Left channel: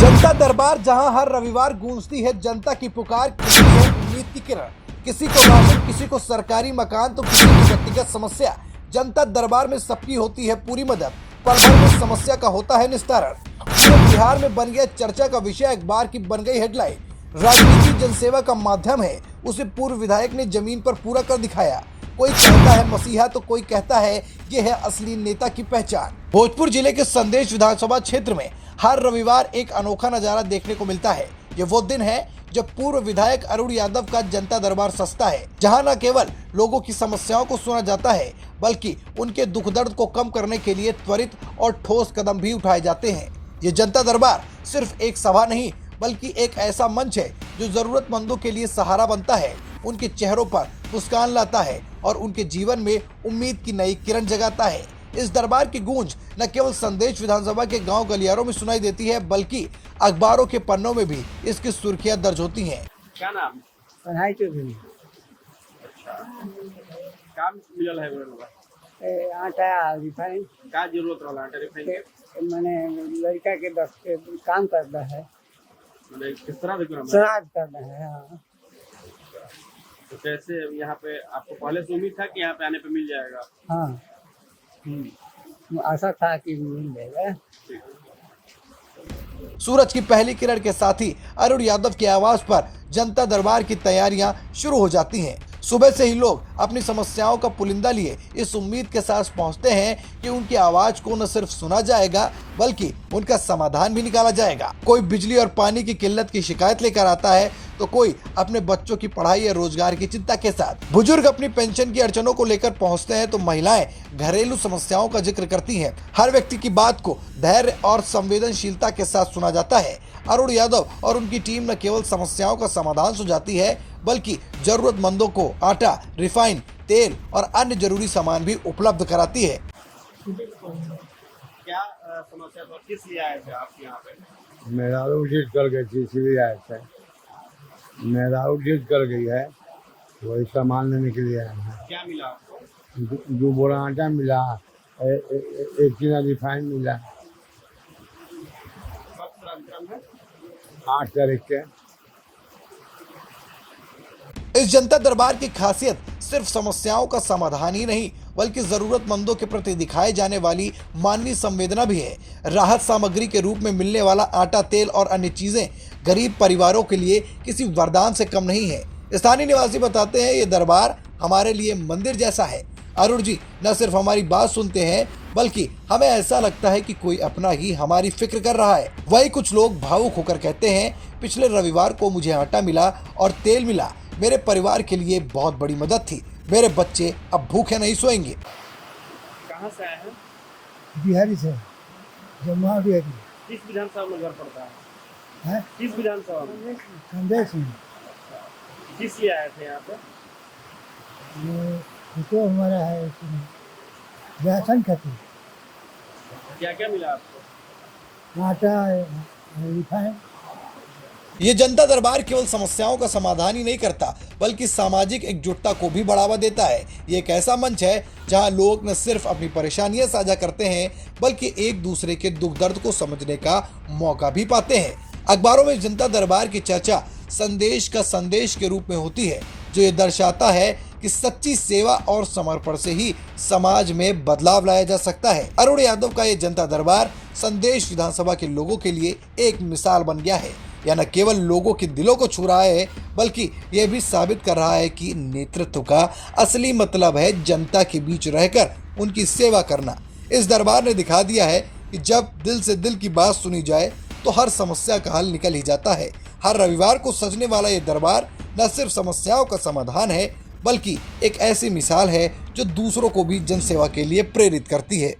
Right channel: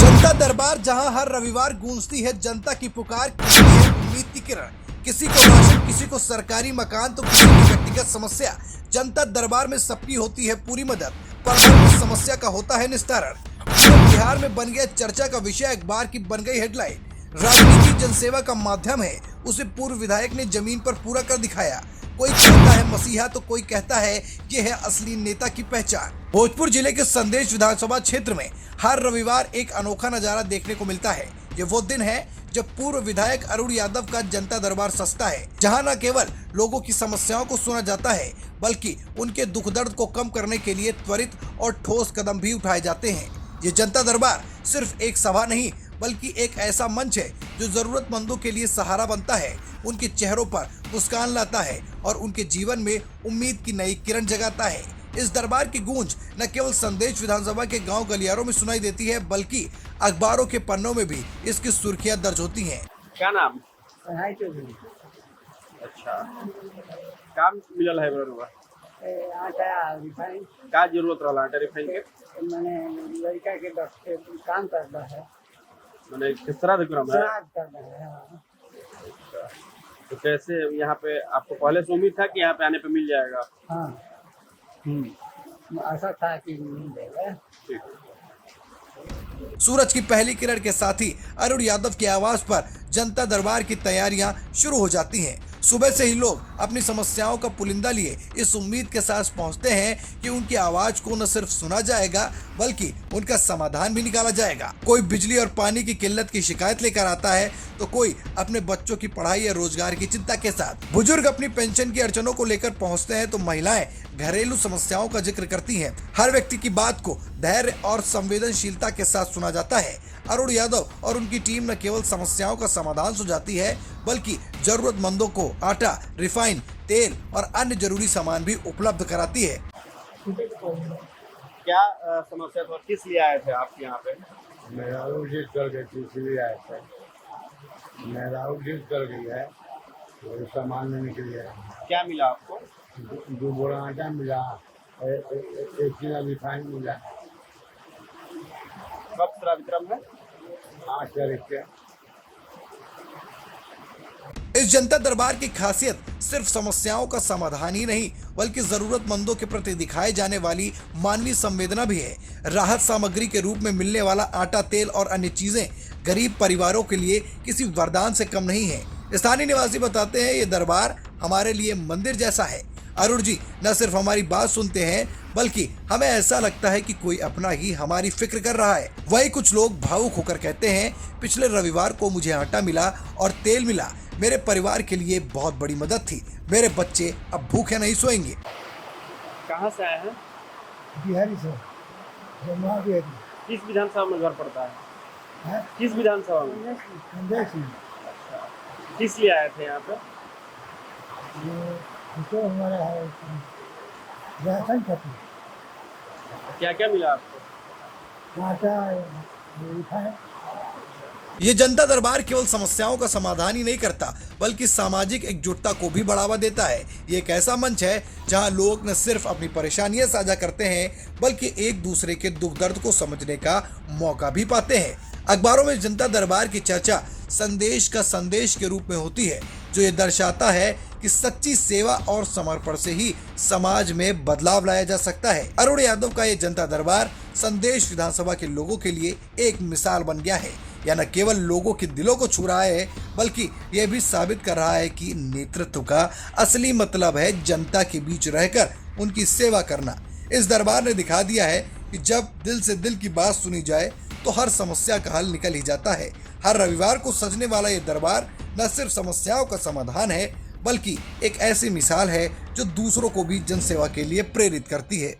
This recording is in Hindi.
जनता दरबार, जहां हर रविवार गूंजती है जनता की पुकार, किसी है उम्मीद की किरण, किसी को राशन, किसी को सरकारी मकान, तो किसी की व्यक्तिगत समस्या। जनता दरबार में सबकी होती है पूरी मदद, पर हर उस समस्या का होता है निस्तारण। पूरे बिहार में बन गया चर्चा का विषय, अखबार की बन गई हेडलाइन। राजनीति जनसेवा का माध्यम है, उसे पूर्व विधायक ने जमीन पर पूरा कर दिखाया। कोई कहता है मसीहा, तो कोई कहता है ये है असली नेता की पहचान। भोजपुर जिले के संदेश विधानसभा क्षेत्र में हर रविवार एक अनोखा नजारा देखने को मिलता है। ये वो दिन है जब पूर्व विधायक अरुण यादव का जनता दरबार सजता है, जहां न केवल लोगों की समस्याओं को सुना जाता है, बल्कि उनके दुख दर्द को कम करने के लिए त्वरित और ठोस कदम भी उठाए जाते हैं। ये जनता दरबार सिर्फ एक सभा नहीं, बल्कि एक ऐसा मंच है जो जरूरतमंदों के लिए सहारा बनता है, उनके चेहरों पर मुस्कान लाता है और उनके जीवन में उम्मीद की नई किरण जगाता है। इस दरबार की गूंज न केवल संदेश विधानसभा के गांव गलियारों में सुनाई देती है, बल्कि अखबारों के पन्नों में भी इसकी सुर्खियां दर्ज होती हैं। क्या नाम? पढ़ाई चौधरी। अच्छा, काम मिलल है बरनवा? आटा रिफाइन का जरूरत रहला आटा रिफाइन के? मैंने लड़का के बस के काम करता है, माने किस तरह भी काम है? श्राद्ध करना है। हाँ। तो कैसे यहाँ पे आपको पहले से उम्मीद था कि यहाँ पे आने पे मिल जाएगा? हाँ, आशा था कि मिल जाएगा। सूरज की पहली किरण के साथ ही अरुण यादव की आवाज पर जनता दरबार की तैयारियां शुरू हो जाती हैं। सुबह से ही लोग अपनी समस्याओं का पुलिंदा लिए इस उम्मीद के साथ पहुंचते हैं कि उनकी आवाज को न सिर्फ सुना जाएगा, बल्कि उनका समाधान भी निकाला जाएगा। कोई बिजली और पानी की किल्लत की शिकायत लेकर आता है, तो कोई अपने बच्चों की पढ़ाई या रोजगार की चिंता के साथ। बुजुर्ग अपनी पेंशन की अड़चनों को लेकर पहुंचते हैं, तो महिलाएं घरेलू समस्याओं का जिक्र करती हैं। हर व्यक्ति की बात को धैर्य और संवेदनशीलता के साथ सुना जाता है। अरुण यादव और उनकी टीम न केवल समस्याओं का समाधान सुझाती है, बल्कि जरूरतमंदों को आटा, रिफाइन, तेल और अन्य जरूरी सामान भी उपलब्ध कराती है। क्या समस्या था, किस लिए आए थे आप यहाँ पे? मेरा जिद कर गई थी, इसीलिए आया था। मेरा जिद कर गई है, वही सामान लेने के लिए आया हूँ। क्या मिला आपको? जो बोरा आटा मिला, एक किलो रिफाइन मिला। कब श्राद्ध क्रम है? 8 तारीख के। इस जनता दरबार की खासियत सिर्फ समस्याओं का समाधान ही नहीं, बल्कि जरूरतमंदों के प्रति दिखाए जाने वाली मानवीय संवेदना भी है। राहत सामग्री के रूप में मिलने वाला आटा, तेल और अन्य चीजें गरीब परिवारों के लिए किसी वरदान से कम नहीं है। स्थानीय निवासी बताते हैं, ये दरबार हमारे लिए मंदिर जैसा है। अरुण जी न सिर्फ हमारी बात सुनते हैं, बल्कि हमें ऐसा लगता है कि कोई अपना ही हमारी फिक्र कर रहा है। वही कुछ लोग भावुक होकर कहते हैं, पिछले रविवार को मुझे आटा मिला और तेल मिला, मेरे परिवार के लिए बहुत बड़ी मदद थी। मेरे बच्चे अब भूखे नहीं सोएंगे। कहाँ से आए हैं? बिहारी से बिहारी किस विधानसभा में घर पड़ता है? है किस विधानसभा में? संदेश में। किस लिए आए थे यहाँ पे? तो हमारा है राशन खाते, क्या क्या मिला आपको? आटा, रिफाइन। ये जनता दरबार केवल समस्याओं का समाधान ही नहीं करता, बल्कि सामाजिक एकजुटता को भी बढ़ावा देता है। ये एक ऐसा मंच है जहां लोग न सिर्फ अपनी परेशानियां साझा करते हैं, बल्कि एक दूसरे के दुख दर्द को समझने का मौका भी पाते हैं। अखबारों में जनता दरबार की चर्चा संदेश का संदेश के रूप में होती है, जो ये दर्शाता है कि सच्ची सेवा और समर्पण से ही समाज में बदलाव लाया जा सकता है। अरुण यादव का ये जनता दरबार संदेश विधानसभा के लोगों के लिए एक मिसाल बन गया है। यह न केवल लोगों के दिलों को छू रहा है, बल्कि यह भी साबित कर रहा है कि नेतृत्व का असली मतलब है जनता के बीच रहकर उनकी सेवा करना। इस दरबार ने दिखा दिया है कि जब दिल से दिल की बात सुनी जाए, तो हर समस्या का हल निकल ही जाता है। हर रविवार को सजने वाला ये दरबार न सिर्फ समस्याओं का समाधान है, बल्कि एक ऐसी मिसाल है जो दूसरों को भी जनसेवा के लिए प्रेरित करती है।